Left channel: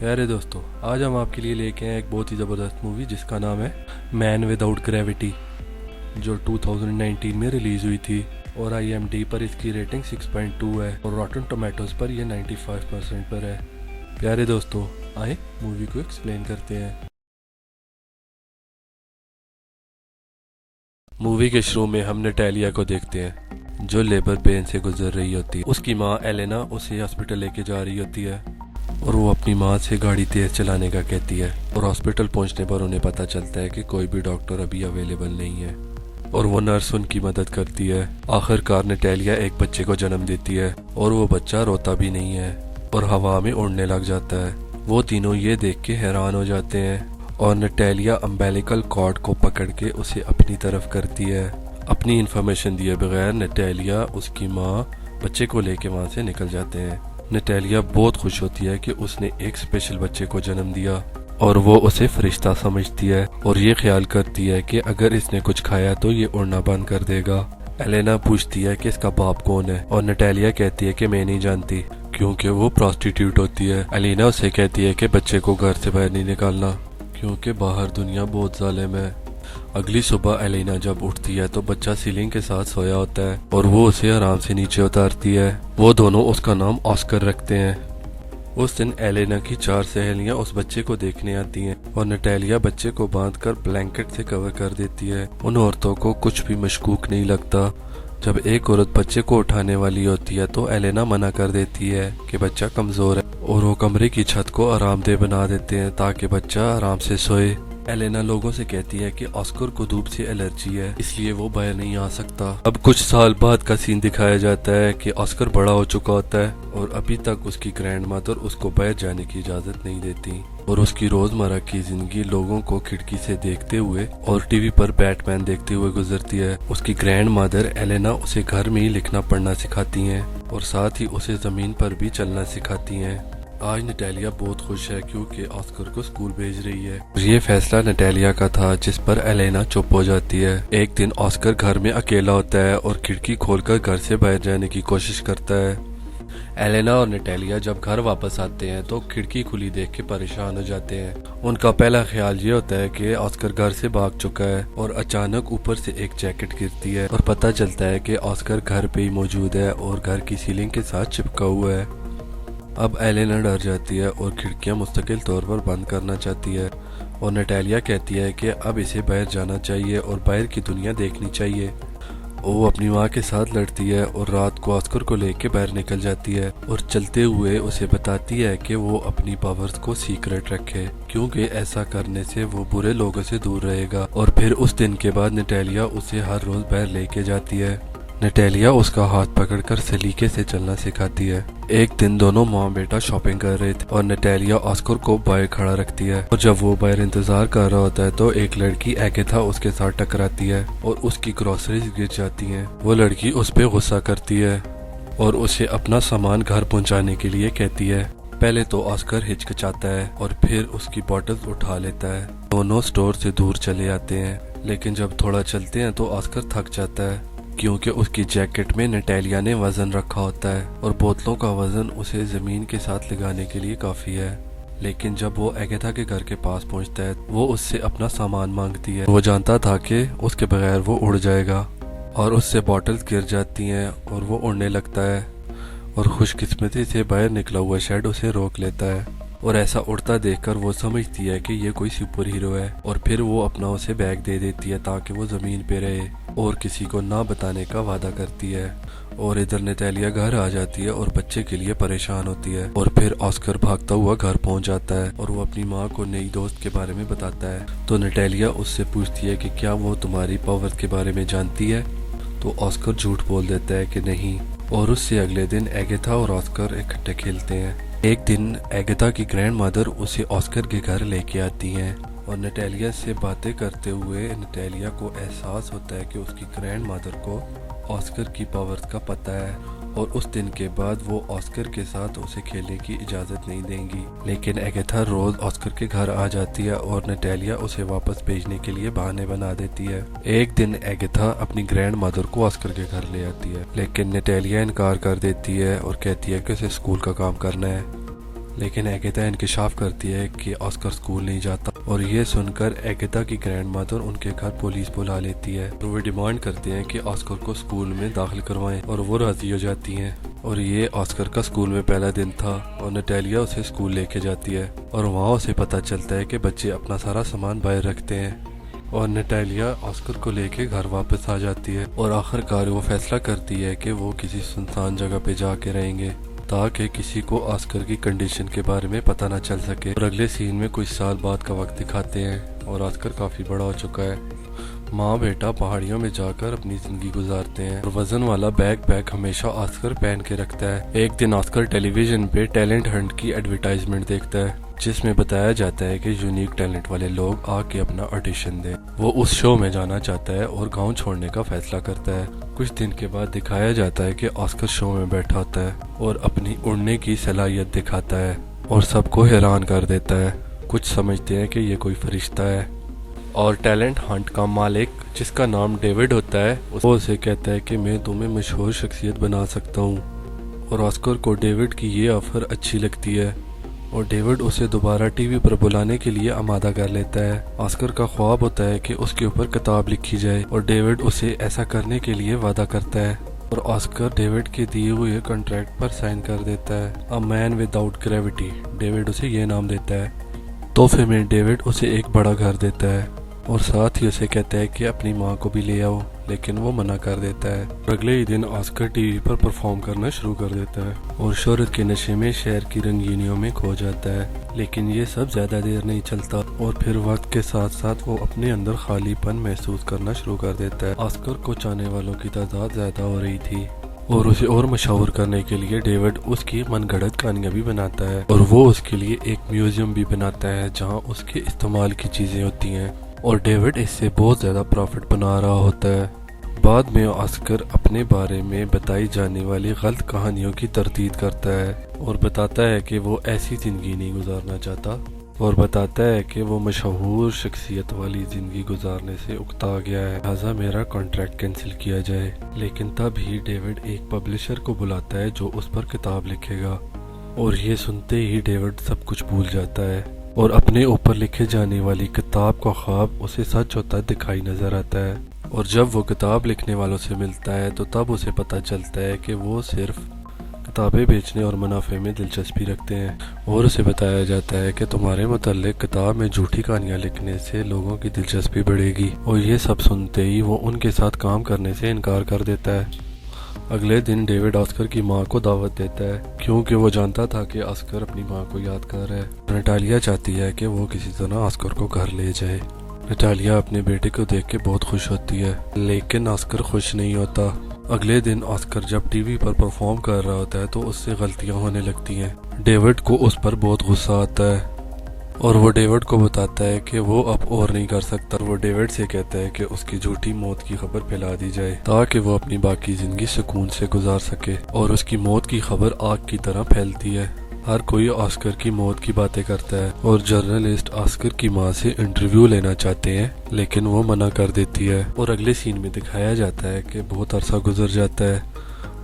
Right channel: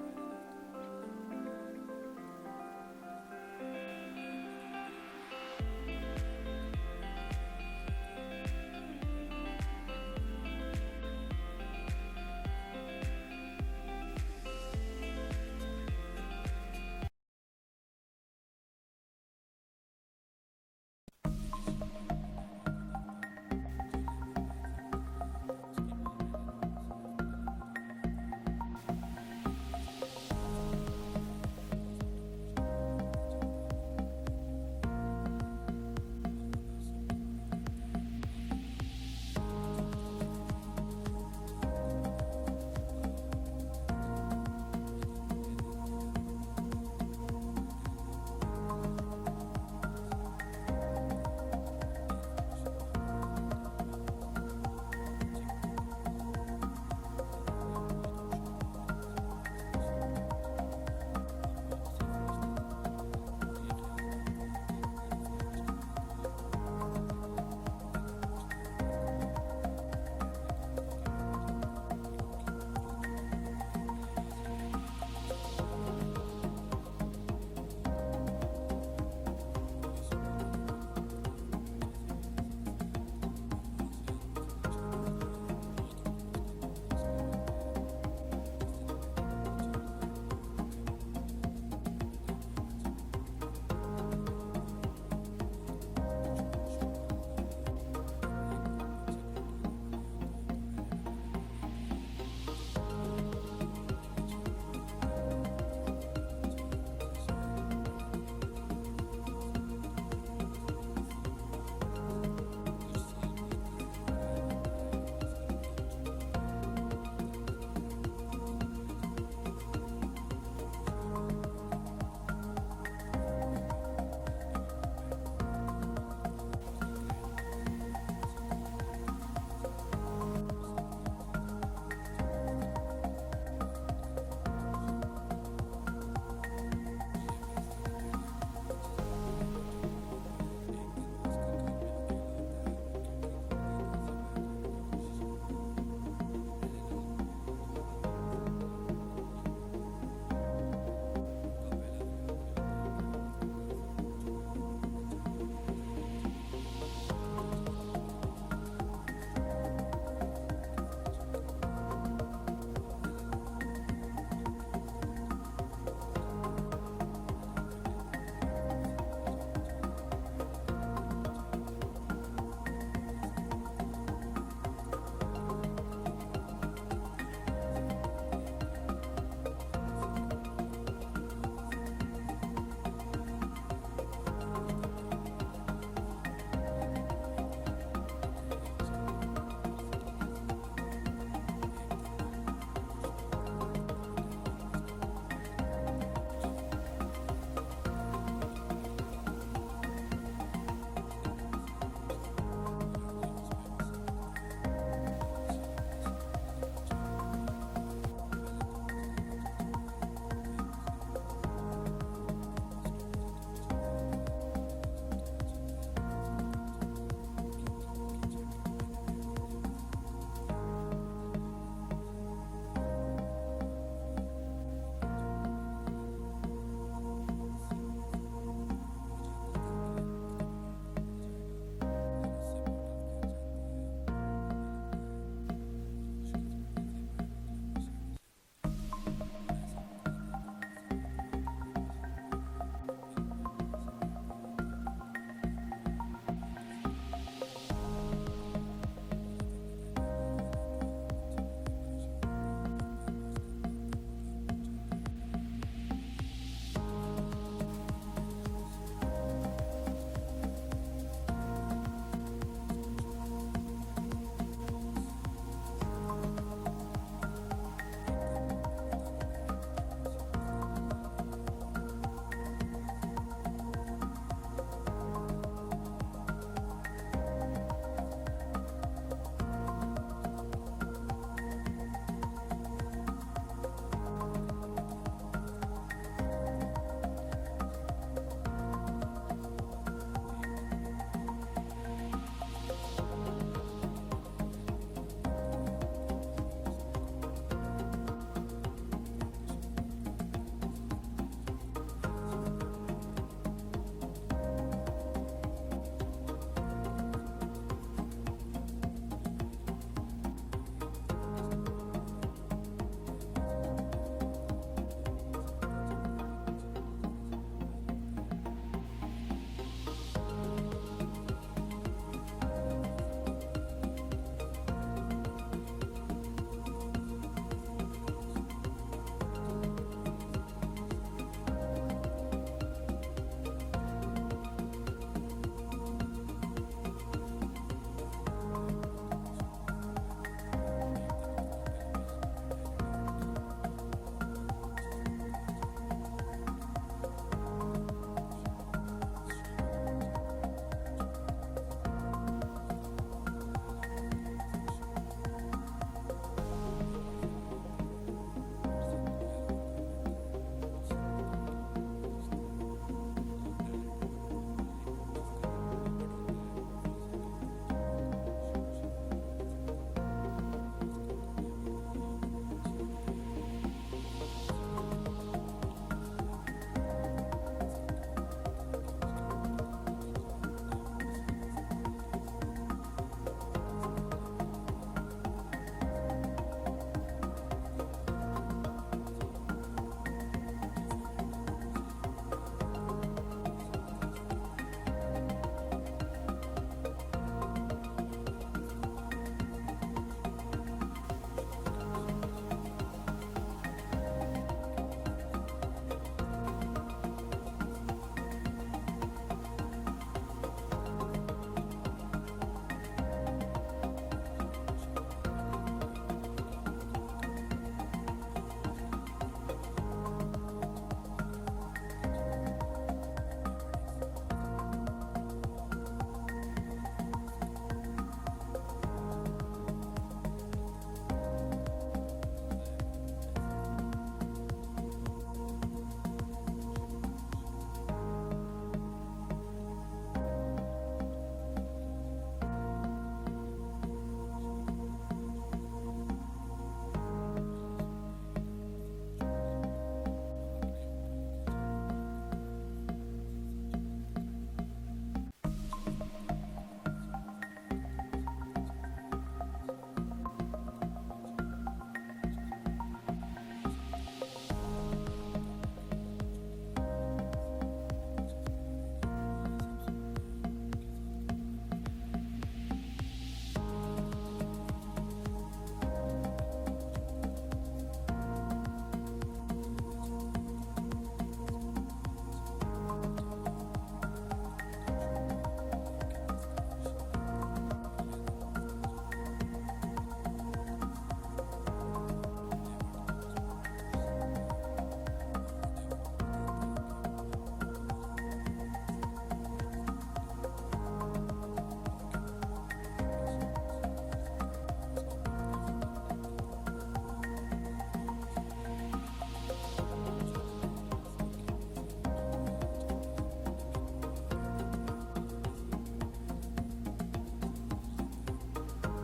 प्यारे दोस्तों, आज हम आपके लिए लेके आए एक बहुत ही ज़बरदस्त मूवी जिसका नाम है मैन विदाउट ग्रेविटी, जो 2019 में रिलीज़ हुई थी और IMDb पर इसकी रेटिंग 6.2 है और रॉटन टोमेटोज़ पर यह 95% पर है। प्यारे दोस्तों, आए मूवी को एक्सप्लेन करते हैं। मूवी के शुरू में हम नटालिया को देखते हैं जो लेबर पेन से गुजर रही होती है। उसकी माँ एलेना उसे हॉस्पिटल लेके जा रही होती है और वो अपनी माँ से गाड़ी तेज चलाने का कहती है और हॉस्पिटल पहुंचने पर उन्हें पता चलता है कि कोई भी डॉक्टर अभी अवेलेबल नहीं है और वो नर्स उनकी मदद करती है। आखिरकार नटालिया एक बच्चे को जन्म देती है और वो बच्चा रोता भी नहीं है और हवा में उड़ने लग जाता है। वो तीनों ये देख के हैरान हो जाते हैं और नटालिया अम्बेलिकल कॉर्ड को पकड़ के उसे अपनी तरफ करती है। अपनी इन्फॉर्मेशन दिए बगैर नटालिया उसकी माँ बच्चे को लेके वहाँ से निकल जाते हैं। नटालिया बहुत खुश होती है कि उसने एक स्पेशल बच्चे को जन्म दिया और वो उसे फरिश्ता समझती है और ये ख्याल करती है कि अगर इसने कुछ खाया तो ये उड़ना बंद कर देगा। एलेना पूछती है कि इसका बाप कौन है और नटालिया कहती है कि मैं नहीं जानती क्योंकि वो प्रोस्टिट्यूट होती है। एलेना उसे कहती है कि बच्चे को घर से बाहर नहीं निकालना क्योंकि बाहर दुनिया बहुत जालिम है। अगली सुबह एलेना जब उठती है तो बच्चा सीलिंग के साथ सोया होता है और वो उसे आराम से नीचे उतारती है। वो दोनों उसका नाम ऑस्कर रखते हैं। उस दिन एलेना की 4 सहेलियां उस बच्चे को देखने आती हैं और नटालिया बच्चे को बांधकर ब्लैंकेट से कवर कर देती है। उन औरतों को कुछ भी मशकूक नहीं लगता। जब एक औरत बच्चे को उठाने वाली होती है तो एलेना मना कर देती है कि बच्चा कमजोर है और वो कमरे की छत को आरामदेह बना देते हैं ताकि बच्चा आराम से सोए। एलेना लोगों से कहती है कि ऑस्कर को धूप से एलर्जी है इसलिए वो बाहर नहीं आ सकता। अब कुछ साल बाद का सीन दिखाया जाता है कि ऑस्कर बड़ा हो चुका होता है और अभी तक उसकी ग्रैंड मदर उसको बाहर जाने की इजाजत नहीं देती और उसकी रोजमर्रा की जिंदगी लोगों को खिड़की से देखते हुए और टीवी पर बैटमैन देखते हुए गुजरती है। उसकी ग्रैंड मदर एलेना उसे घर में ही लिखना पढ़ना सिखाती हैं और साथ ही उसे जमीन पर भी चलना सिखाती हैं। आज नटालिया बहुत खुश है क्योंकि ऑस्कर को स्कूल भेज रही है। ये फैसला नटालिया का था जिस पर एलेना चुप हो जाती है। एक दिन ऑस्कर घर में अकेला होता है और खिड़की खोलकर घर से बाहर जाने की कोशिश करता है। एलेना और नटालिया जब घर वापस आते हैं तो खिड़की खुली देख के परेशान हो जाते हैं। उनका पहला ख्याल ये होता है कि ऑस्कर घर से भाग चुका है और अचानक ऊपर से एक जैकेट गिरती है और पता चलता है कि ऑस्कर घर पे ही मौजूद है और घर की सीलिंग के साथ चिपका हुआ है। अब एलेना डर जाती है और खिड़कियां मुस्तकिल तौर पर बंद करना चाहती है और नटालिया कहती है कि अब इसे बाहर जाना चाहिए और बाहर की दुनिया देखनी चाहिए। वो अपनी माँ के साथ लड़ती है और रात को ऑस्कर को लेके बाहर निकल जाती है और चलते हुए उसे बताती है कि वो अपनी पावर्स को सीक्रेट रखे क्योंकि ऐसा करने से वो बुरे लोगों से दूर रहेगा। और फिर उस दिन के बाद नटालिया उसे हर रोज बाहर लेके जाती है। नटालिया उसका हाथ पकड़कर सलीके से चलना सिखाती है। एक दिन दोनों माँ बेटा शॉपिंग कर रहे थे और नटालिया ऑस्कर को बाहर खड़ा रखती है और जब वो बाहर इंतजार कर रहा होता है तो एक लड़की एगेथा उसके साथ टकराती है और उसकी ग्रोसरीज गिर जाती हैं। वो लड़की उस पर गुस्सा करती है और उसे अपना सामान घर पहुंचाने के लिए कहती है। पहले तो ऑस्कर हिचकिचाता है और फिर उसकी बॉटल्स उठा लेता है। दोनों स्टोर से दूर चले आते हैं लेकिन जब थोड़ा चलते हैं तो ऑस्कर थक जाता है क्योंकि उसकी जैकेट में नटालिया ने वजन रखा होता है और बोतलों का वजन उसे जमीन के साथ लगाने के लिए काफी है। लेकिन जब वो एगेथा के घर के पास पहुंचता है वो उससे अपना सामान मांगती है। वो जानता था कि उसके बगैर वो उड़ जाएगा और उससे बॉटल्स गिर जाती हैं और वो उड़ने लगता है और खुशकिस्मती से बाहर निकला हुआ शेड उसे रोक लेता है और ऐसा उड़ता देखकर वो समझती है कि ये कोई सुपर हीरो है और फिर वो अपना उसे बैग दे देती है ताकि वो जमीन पे रहे और किसी को ना बताने का वादा करती है। और इधर नटालिया घर आ जाती है और बच्चे के लिए परेशान होती है और फिर ऑस्कर भागता हुआ घर पहुंच जाता है और वो अपनी माँ को नई दोस्त के बारे में बताता है। तो नटालिया उससे पूछती है कि क्या वो तुम्हारी पावर के बारे में जानती है, तो ऑस्कर झूठ बोल देता है कि नहीं और उससे अगले दिन एगेथा और ऑस्कर इकट्ठे खेलते हैं। एक दिन एगेथा की ग्रैंड मदर उसे ऑस्कर के घर लेके आती हैं और नटालिया से बातें करते हुए नटालिया को एहसास होता है कि उसकी ग्रैंड मदर को ऑस्कर की पावर्स का पता है और उस दिन के बाद वो ऑस्कर के साथ उसे खेलने की इजाज़त नहीं देंगी। लेकिन एगेथा रोज ऑस्कर के घर आ जाती है और नटालिया उसे वापस भेजने के लिए बहाने बना देती है। एक दिन एगेथा अपनी ग्रैंड मदर को ऑस्कर के घर ले आती है लेकिन नटालिया इनकार कर देती है और कहती है कि उसे स्कूल का काम करना है। लेकिन एगेता इंकशाफ करती है कि ऑस्कर स्कूल नहीं जाता और ये सुनकर एगेता की ग्रैंड मदर उनके घर पुलिस बुला लेती है। तो वो डिमांड करते हैं कि ऑस्कर को स्कूल में दाखिल करवाएं और वो राजी हो जाती हैं। और ये ऑस्कर का स्कूल में पहला दिन था और नटालिया उसे स्कूल लेके जाती है और वहाँ उसे पता चलता है कि बच्चे अपना सारा सामान बाहर रखते हैं और नटालिया ऑस्कर को लेके घर वापस आ जाती है और आखिरकार वो फैसला करती है कि वो किसी सुनसान जगह पे जाके रहेंगे ताकि किसी को ऑस्कर की कंडीशन के बारे में पता ना चल सके। और अगले सीन में कुछ साल बाद का वक्त दिखाते हैं और ऑस्कर काफ़ी बड़ा हो चुका है। माँ बेटा पहाड़ियों में जाकर अपनी जिंदगी गुजारते हैं और वजन वाला बैग हमेशा ऑस्कर पहन के रखता है। एक दिन ऑस्कर टेलीविजन पे टैलेंट हंट की एडवर्टाइजमेंट देखता है जिसमें बताया जाता है कि यूनिक टैलेंट वाले लोग आके अपना ऑडिशन दें। वो उस शो में जाना चाहता है और गांव छोड़ने का फैसला करता है। कुछ दिन के बाद दिखाया जाता है कि ऑस्कर शो में बैठा होता है और अपनी उड़ने की सलाहियत दिखाता है और सबको हैरान कर देता है। कुछ समझते हैं कि ये कोई फरिश्ता है और टैलेंट हंट का मालिक जिसका नाम डेविड होता है वो उसे कहता है कि मैं तुम्हें मशहूर शख्सियत बना सकता हूँ। और ऑस्कर को डेविड की ये ऑफर अच्छी लगती है और डेविड उसे दोबारा टीवी पर बुलाने के लिए आमादा कर लेता है। ऑस्कर का ख्वाब होता है कि उसके ऊपर किताब लिखी जाए और डेविड उसे ऐसा करने के लिए वादा करता है और ऑस्कर डेविड के दिए हुए कॉन्ट्रैक्ट पर साइन कर देता है। A man without gravity David उसे ये नाम देता है। तोहफे में डेविड उसे एक बड़ा घर देता है और साथ ही उसे कहता है कि अपनी माँ को भी ले आओ, लेकिन वो मना कर देता है। अगले ही दिन ऑस्कर टीवी पर परफॉर्म करना शुरू कर देता है और शोहरत के नशे में शहर की रंगीनियों में खो जाता है। लेकिन ये सब ज्यादा देर नहीं चलता और फिर वक्त के साथ साथ वो अपने अंदर खालीपन महसूस करना शुरू कर देता है। ऑस्कर को चाहने वालों की तादाद ज्यादा हो रही थी और उसे और मशहूर करने के लिए डेविड उसकी मनगढ़ंत कहानियां भी बनाता है और वो उसके लिए एक म्यूजियम भी बनाता है जहाँ उसके इस्तेमाल की चीजें होती हैं और डेविड इससे बहुत ज़्यादा प्रॉफिट बना रहा होता है। बाद में ऑस्कर अपने बारे में बताई जाने वाली गलत कहानियों की तरदीद करता है और बताता है कि वो ऐसी ज़िंदगी नहीं गुजारना चाहता और बताता है कि वो मशहूर शख्सियत वाली ज़िंदगी गुजारने से उकता गया है, लिहाजा मेरा कॉन्ट्रैक्ट कैंसिल किया जाए। लेकिन तब ही डेविड एक पब्लिशर को बुलाता है जो उस पर किताब लिखेगा और ये सुनते ही डेविड सब कुछ भूल जाता है और अपने ऊपर लिखे जाने वाली किताब का ख्वाब उसे सच होता दिखाई नजर आता है। और जब वो किताब लिखने वालों से मिलता है तो तब उसे पता चलता है कि वो सिर्फ किताबें बेचने और मुनाफे में दिलचस्पी रखते हैं और उसे बताया जाता है कि तुम्हारे मुताल्लिक किताब में झूठी कहानियाँ लिखने से लोगों की दिलचस्पी बढ़ेगी। और ये सब सुनते ही वो उनके साथ काम करने से इनकार कर देता है। अगले दिन डेविड ऑस्कर की माँ को दावत देता है क्योंकि वो जानता था कि ऑस्कर अपनी माँ को याद कर रहा है। नटालिया चाहती है कि वो किसी तरह ऑस्कर को घर ले जाए। नटालिया अपने बेटे को देख के बहुत खुश होती है लेकिन ऑस्कर खुश नहीं होता। अगले दिन ऑस्कर जब टीवी पर परफॉर्म कर रहा होता है तो उससे गलतियाँ होने लगती हैं। डेविड को उस पर बहुत गुस्सा आता है और वो डेविड को बताता है कि वो अब और नहीं कर सकता। वो डेविड से कहता है कि उसकी झूठी मौत की खबर फैला दी जाए ताकि वो अपनी बाकी जिंदगी सुकून से गुजार सके। और उसकी मौत की खबर आग की तरह फैलती है। हर कोई ऑस्कर की मौत की बातें करता है और जर्नलिस्ट ऑस्कर की मां से इंटरव्यू लेना चाहते हैं लेकिन वो मना कर देती है। और अगले सीन में दिखाया जाता है कि बहुत अरसा गुजर जाता है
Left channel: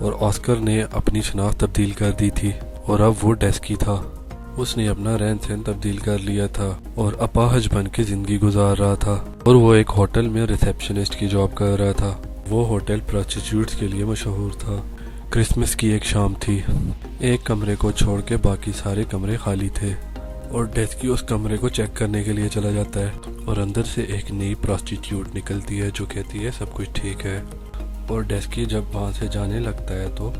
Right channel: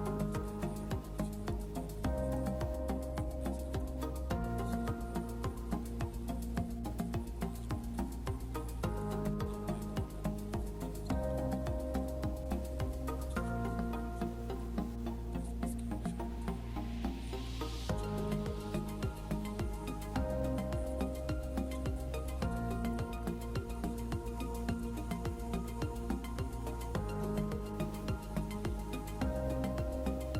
और ऑस्कर ने अपनी शनाख्त तब्दील कर दी थी और अब वो डेस्की था। उसने अपना रहन सहन तब्दील कर लिया था और अपाहज बन के जिंदगी गुजार रहा था और वो एक होटल में रिसेप्शनिस्ट की जॉब कर रहा था। वो होटल प्रोस्टिट्यूट्स के लिए मशहूर था। क्रिसमस की एक शाम थी। एक कमरे को छोड़ के बाकी सारे कमरे खाली थे और डेस्की उस कमरे को चेक करने के लिए चला जाता है और अंदर से एक नई प्रोस्टिट्यूट निकलती है जो कहती है सब कुछ ठीक है। और डेस्की जब वहाँ से जाने लगता है तो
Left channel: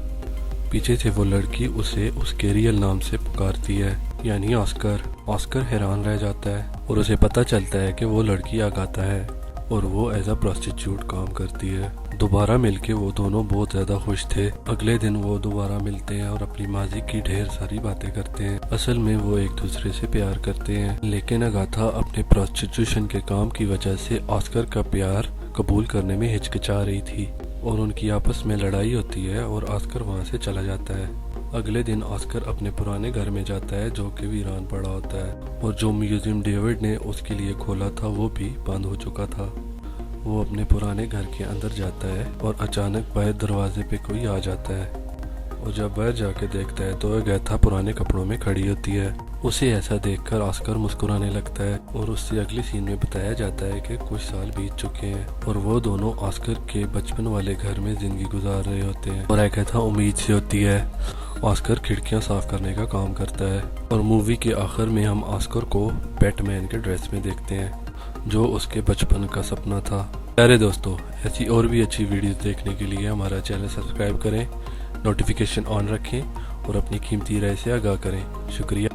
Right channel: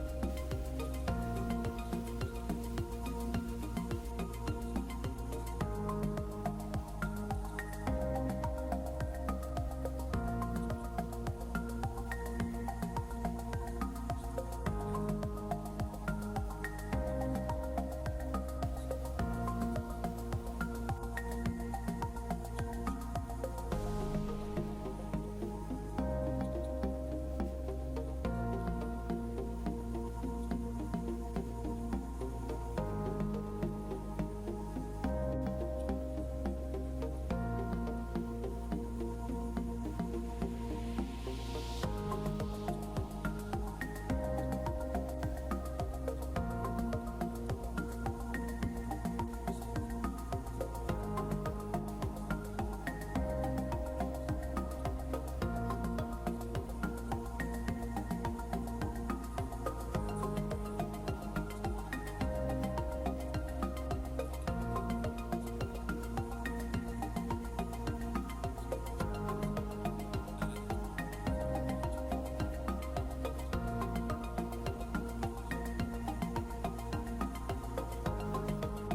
पीछे से वो लड़की उसे उसके रियल नाम से पुकारती है यानी ऑस्कर। ऑस्कर हैरान रह जाता है और उसे पता चलता है कि वो लड़की आगाता है और वो एज अ प्रोस्टिट्यूट काम करती है। दोबारा मिलके वो दोनों बहुत ज़्यादा खुश थे। अगले दिन वो दोबारा मिलते हैं और अपनी माजी की ढेर सारी बातें करते हैं। असल में वो एक दूसरे से प्यार करते हैं लेकिन अगाथा अपने प्रोस्टिट्यूशन के काम की वजह से ऑस्कर का प्यार कबूल करने में हिचकिचा रही थी और उनकी आपस में लड़ाई होती है और ऑस्कर वहाँ से चला जाता है। अगले दिन ऑस्कर अपने पुराने घर में जाता है जो कि वीरान पड़ा होता है और जो म्यूजियम डेविड ने उसके लिए खोला था वो भी बंद हो चुका था। वो अपने पुराने घर के अंदर जाता है और अचानक बाहर दरवाजे पे कोई आ जाता है और जब वह जाके देखता है तो वह गैथा पुराने कपड़ों में खड़ी होती है। उसे ऐसा देखकर ऑस्कर मुस्कुराने लगता है और उससे अगले सीन में बताया जाता है कि कुछ साल बीत चुके हैं और वो दोनों ऑस्कर के बचपन वाले घर में जिंदगी गुजार रहे होते हैं। और गैथा उम्मीद से होती है। ऑस्कर खिड़कियां साफ करने का काम करता है और मूवी के आखिर में हम ऑस्कर को बैटमैन के ड्रेस में देखते हैं जो उसके बचपन का सपना था। प्यारे दोस्तों, ऐसी और भी अच्छी वीडियोस देखने के लिए हमारा चैनल सब्सक्राइब करें, नोटिफिकेशन ऑन रखें और अपनी कीमती राय से आगाह करें। शुक्रिया।